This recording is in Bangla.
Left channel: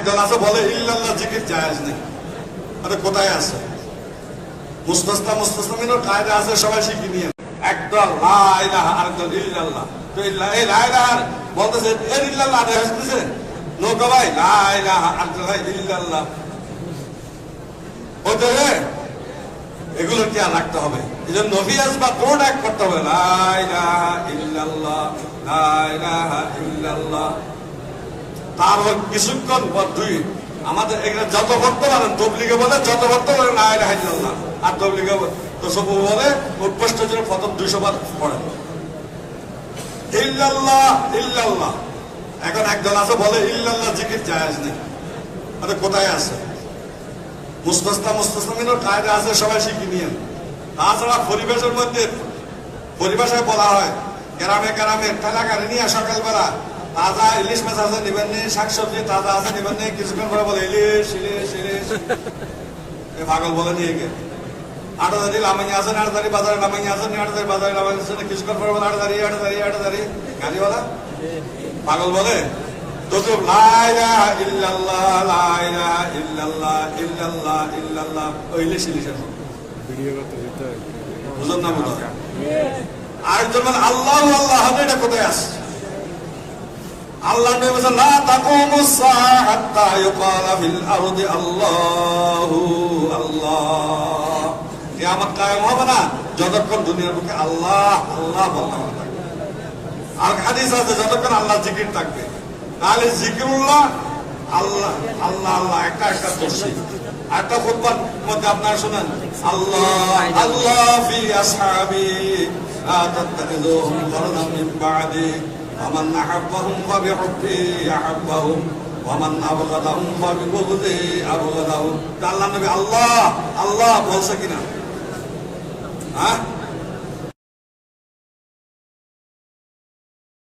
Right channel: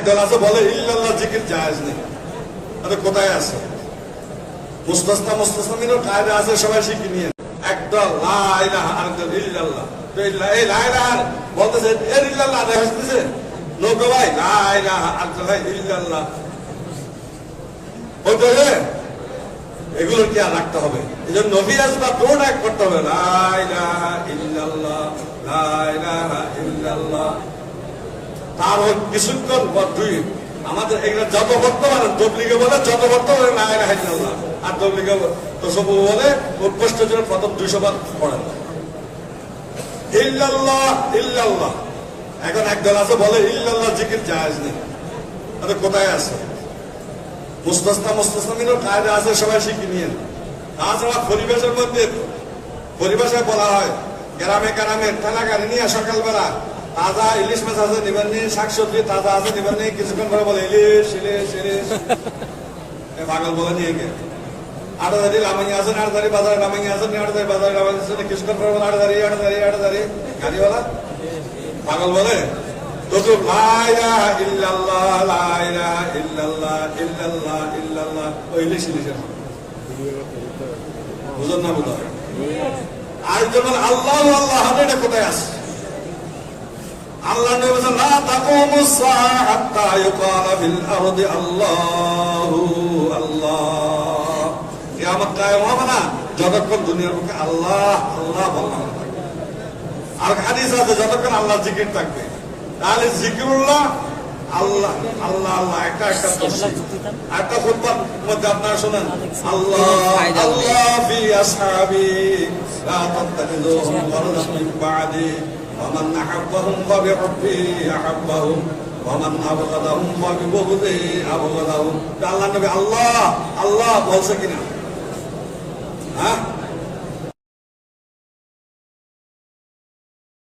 একদল আছে বলে ইল্লাল্লাহ জিকির জায়েজ নেই। আরে কোথায় আছে? মুস্তাসনা মুস্তাসমিনও কায়দা আছে, সবাই শিখে নিয়ে। একদল লা ইলাহা আরেকদল ইল্লাল্লাহ। তো এই লা ইলাহা বলতেছে এর ইল্লাল্লাহ আদায় হচ্ছে নৌকা ভাই লা ইলাহা ইল্লাল্লাহ হতে এগুলো কি আর রাখতে হবে? এই জন্য নবী আসবা কোন এক করতে হবে লা ইলাহা ইল্লাল্লাহ লা ইলাহা ইল্লাল্লাহ। তার কিছুক্ষণ পর দুই আমাদের এখানে যত ভক্ত বলেন তবলিগে বলে যত ভক্ত বলে লা ইলাহা ইল্লাল্লাহ, আর তবলিগে তোসবু বলে উৎকৃষ্ট জন্য প্রথম 200 বার পড়ে ইল্লাল্লাহ ইল্লাল্লাহ। এখন একদল আছে বলে ইল্লাল্লাহ জিকির জায়েজ নেই। আরে কোথায় আছে? মুস্তাসনা মুস্তাসমিনও কায়দা আছে, সবাই শিখে নিয়ে। তাছাড়া পরিবেশের মধ্যে পরিভাষায় বলা হয় গ্রামে গ্রামে ঠেলা গাড়ি নিয়ে সকালবেলা তাজা ইলিশ মাছ আছে নিবেন নি, শাকসবজি তাজা আছে নিবেন নি, কিছুক্ষণ পরে বলে ইলিশ ইলিশ ইলিশ পাগল বলে নিয়ে গিয়ে আটদারি লামাই আছে আটদারি বাজারে লামাই আছে আটদারি বাজারে লামাই আছে, কিছুক্ষণ পরে বলে আটদারি আটদারি আটদারি গাড়িওয়ালা পাগল বলে তো লা ইলাহা ইল্লাল্লাহ লা ইলাহা ইল্লাল্লাহ ইল্লাল্লাহ ইল্লাল্লাহ ওই ইলিশ ইলিশ বুঝলাম না বুঝলাম। আর যখন আল্লাহ আল্লাহ এটা কোথায় আছে? আল্লাহ নবী বলেন লা তাকুমুস সাআ হাত্তা ইউকালা ফিল আরদি আল্লাহু আল্লাহ। কিয়ামত কায়েম হবে না যতক্ষণ দুনিয়ার বুকে আল্লাহ আল্লাহ বলা থাকবে। আর হাদিস আছে যতক্ষণ আল্লাহ জিকির থাকবে। তাহলে জিকিরুল্লাহ আল্লাহ আল্লাহ আল্লাহ একটা একটা দোষী। একটা খুতবার মধ্যে আপনারা শোনেন আল্লাহ আল্লাহ ফি আসহাবি লা তাত্তাখিযুহুম ওয়ালাম মিন বা'দি ওয়ামান আহাব্বাহুম ফাবিহুব্বি আহাব্বাহুম ওয়ামান আবগাদাহুম ফাবিবুগদি আবগাদাহুম। আল্লাহ নবী আল্লাহ আল্লাহ বলছে কিনা? হ্যাঁ